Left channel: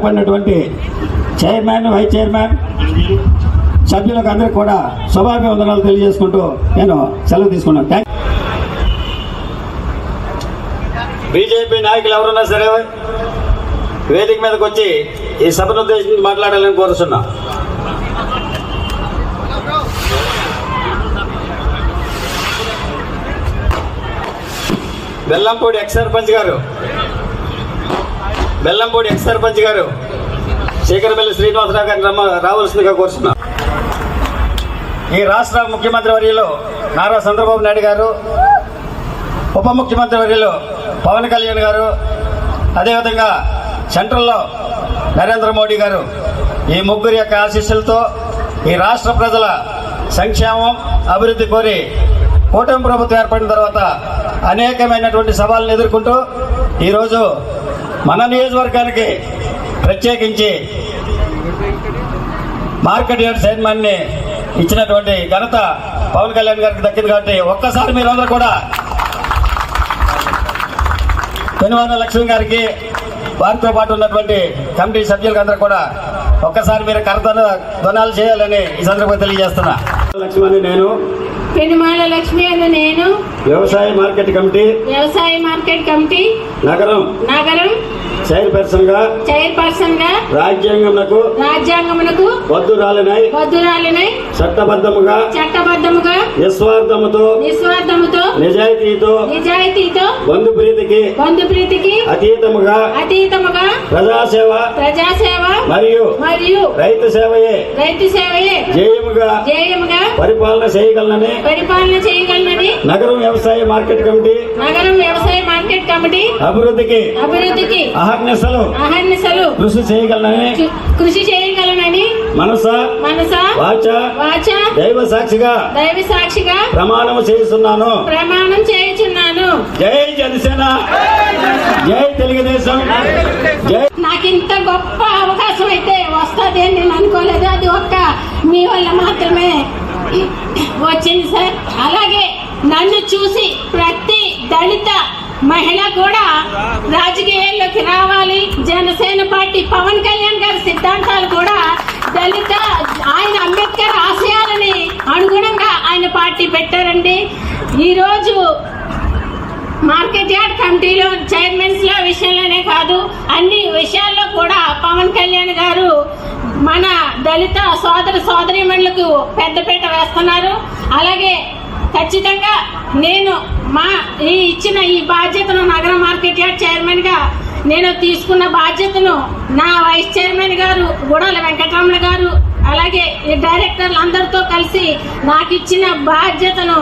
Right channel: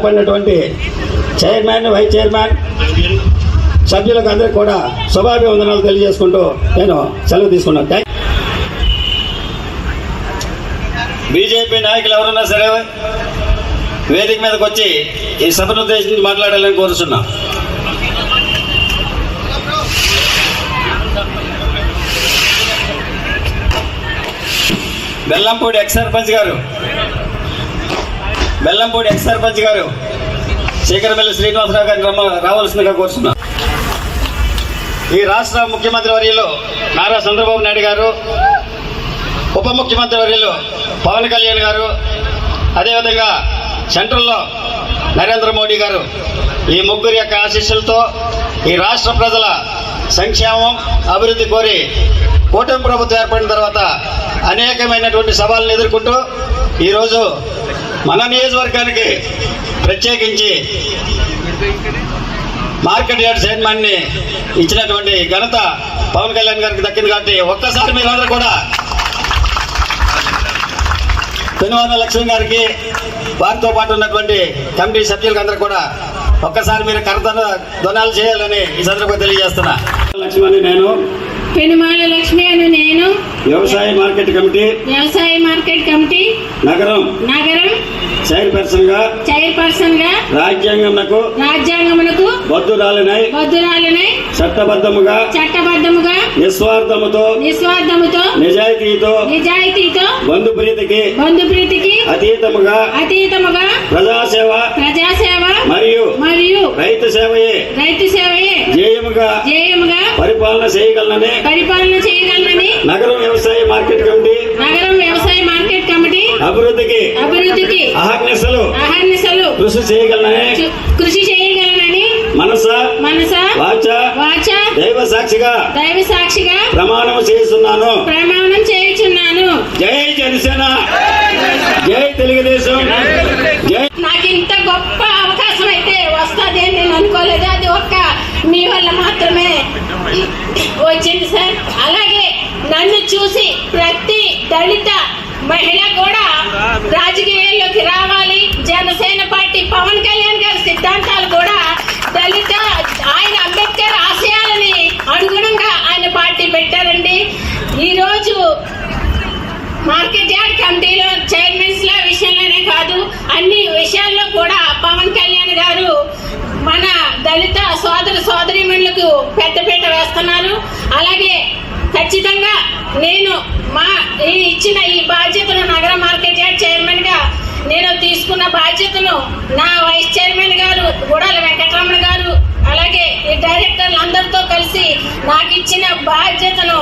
ఏర్పడినటువంటి chairman, vice chairman, సభ్యులకు అందరికీ కూడా శుభాభివందనాలు తెలియజేసుకుంటూ నేను సెలవు తీసుకున్నాను. బీజేపీ నాయకులు ఎవరున్నా సరే వేదిక మీదకి వచ్చి ఈ సభను ఉద్దేశించి మాట్లాడాలని కోరుతున్నా. బెల్లంపూడి ఎక్స్ సర్పంచ్ గారు శేఖరపల్లి శ్రీనివాసరావు గారిని రావాల్సిందిగా కోరుతున్నా. ఈ రాష్ట్ర ముఖ్యమంత్రి వర్యులు నారా చంద్రబాబు నాయుడు గారు, ఉప ముఖ్యమంత్రి వర్యులు పవన్ కళ్యాణ్ గారు, అదేవిధంగా సెంట్రల్లో నరేంద్ర మోడీ గారు, ఈ ముగ్గురు యొక్క ఆశీస్సులతో ఈ రాష్ట్ర ప్రజల సంక్షేమం, అభివృద్ధి కోరి కూటమి ప్రభుత్వం ఏర్పడిన తర్వాత అనేకమైనటువంటి సవాళ్ళను ఎదుర్కొంటూ ఈరోజు మన నియోజకవర్గానికి ప్రత్యేకించి మార్కెట్ యార్డ్ చైర్మన్ని ఇచ్చినటువంటి ఘనత పవన్ కళ్యాణ్ గారికి దక్కింది. కాబట్టి ఒక్కసారి మీరందరూ కూడా పెనుగొండ లక్ష్మి గారికి, వారితో పాటు ఉన్నటువంటి కమిటీ సభ్యులకు అందరూ కూడా ఒక్కసారి మీరు కర్తను ధ్వనాలు చేయాలని ఈ సందర్భంగా తెలియజేస్తున్నా. లక్ష్మి అని నేను, పెనుమాల లక్ష్మి అని నేను, వ్యవసాయ మార్కెట్ కమిటీ నగరం చైర్పర్సన్ గా రాజ్యాంగమునకు బద్దురాలినై చట్టబద్ధముగా నిస్వార్థముతో నిజాయితీతో బంధు ప్రీతికి అతీతముగా ప్రజాసేవ మరియు రైతు సేవయే జేయముగా పరిపాలన చేయగలనని నగరం వ్యవసాయ మార్కెట్ కమిటీ అభివృద్ధికి అహర్నిశలు కృషి చేయగలనని మనస వాచ దైవ సాక్షిగా ప్రమాణం చేస్తున్నాను. జై జనసేన, జై తెలుగుదేశం, జై. నాకు ఇంత గొప్ప అవకాశం అయితే వస్తుంది అని నేను అనుకోలేదు. అది ఒక్క మీ వల్ల మాత్రమే వచ్చింది సార్. అలాగే నన్ను చూసి ప్రతి దళిత మహిళ కూడా రాజకీయాల్లోకి రావాలి. జనసేన పార్టీ పవన్ కళ్యాణ్ గారి సిద్ధాంతాలు కూడా దళిత, ఆయన అంబేద్కర్ ఆశయాలని అనుగుణంగా ఆయన పార్టీ పెట్టారండి. ఈరోజు మార్కెట్ యార్డ్ కమిటీలో చైర్మన్స్ ల విషయంలోనే కాదు, అన్ని విషయాల్లో కూడా పవన్ కళ్యాణ్ గారు మన దళిత సోదరీమణులకు పెద్దపీట వేస్తున్నారు. అలాగే ఖచ్చితంగా నేను ఇచ్చిన ఈ బాధ్యతను నగర మార్కెట్ యార్డ్ చైర్మన్ గా నేను తీసుకున్న బాధ్యతను నా వైస్ చైర్మన్ గారు గుడాల వెంకటరమణ గారు, అలాగే ఈ డైరెక్టర్లు అందరితో కలిసి నాకు ఇచ్చిన బాధ్యతను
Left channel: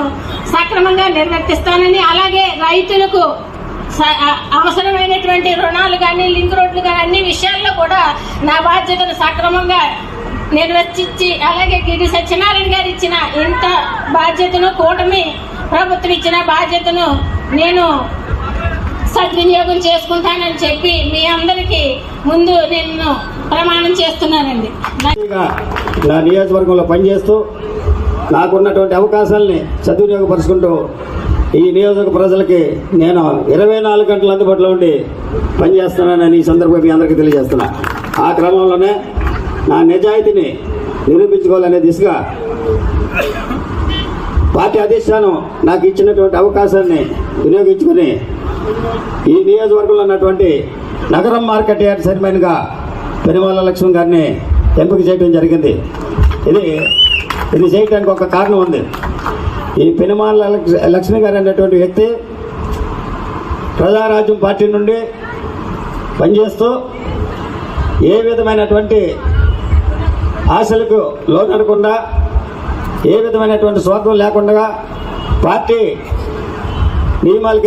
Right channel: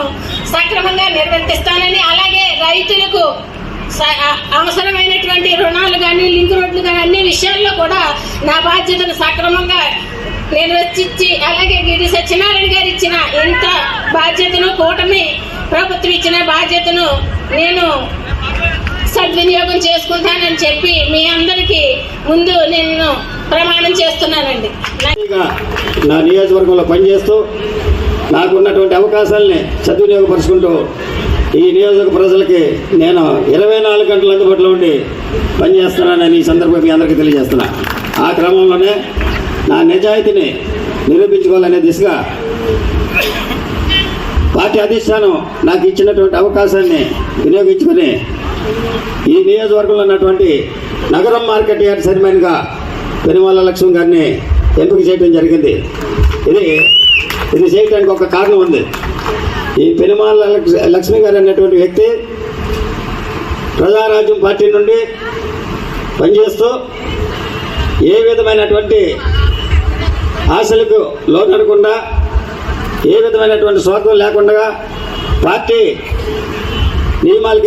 సక్రమంగా నిర్వర్తిస్తానని, అలాగే రైతులకు అవసరమైనటువంటి రుణాలు కానీ, లింక్ రోడ్లు కానీ అన్ని విషయాల్లో కూడా నా బాధ్యతను సక్రమంగా నిర్వర్తించి, అలాగే గిరి సత్యనారాయణ గారు ఇచ్చిన ఇంత బాధ్యతను, కూటమి ప్రభుత్వం ఇచ్చిన బాధ్యతను నేను సద్వినియోగం చేసుకుంటానని చెప్పి మీ అందరికీ ముందు నేను ప్రమాణం చేస్తున్నానండి. నా నియోజకవర్గంలో పనిచేస్తూ నాకున్నటువంటి అవకాశాలని సద్వినియోగపరుచుకుంటూ ఈ నియోజక ప్రజలకి నేను 24 గంటలు అందుబాటులో ఉండి పనిచేస్తున్నానని ఈ సందర్భంగా మీ అందరికీ తెలియజేస్తున్నా. ఆ క్రమంలోనే నా నిజాయితీని నిరూపించుకోవాలనే దిశగా పార్టీ అధిష్టానం నాకు ఇచ్చినటువంటి అవకాశాన్ని వినియోగించుకొని ఈ నియోజకవర్గంలో ఉన్నటువంటి నగరం మార్కెట్ యార్డ్ చైర్మన్గా పెనుమాల లక్ష్మి గారిని ఎంపిక చేయడం జరిగింది. ఇది చేయడానికి ఒక కారణం ఉంది. ఈ పెనుమాల లక్ష్మి గారు అనేటువంటి వ్యక్తి ప్రజారాజ్యం పార్టీ నుండి పనిచేస్తూ ఏ విధమైనటువంటి ఆశలకు లోనడకుండా, ఏ విధమైనటువంటి స్వార్థం లేకుండా పార్టీ నియమాలకి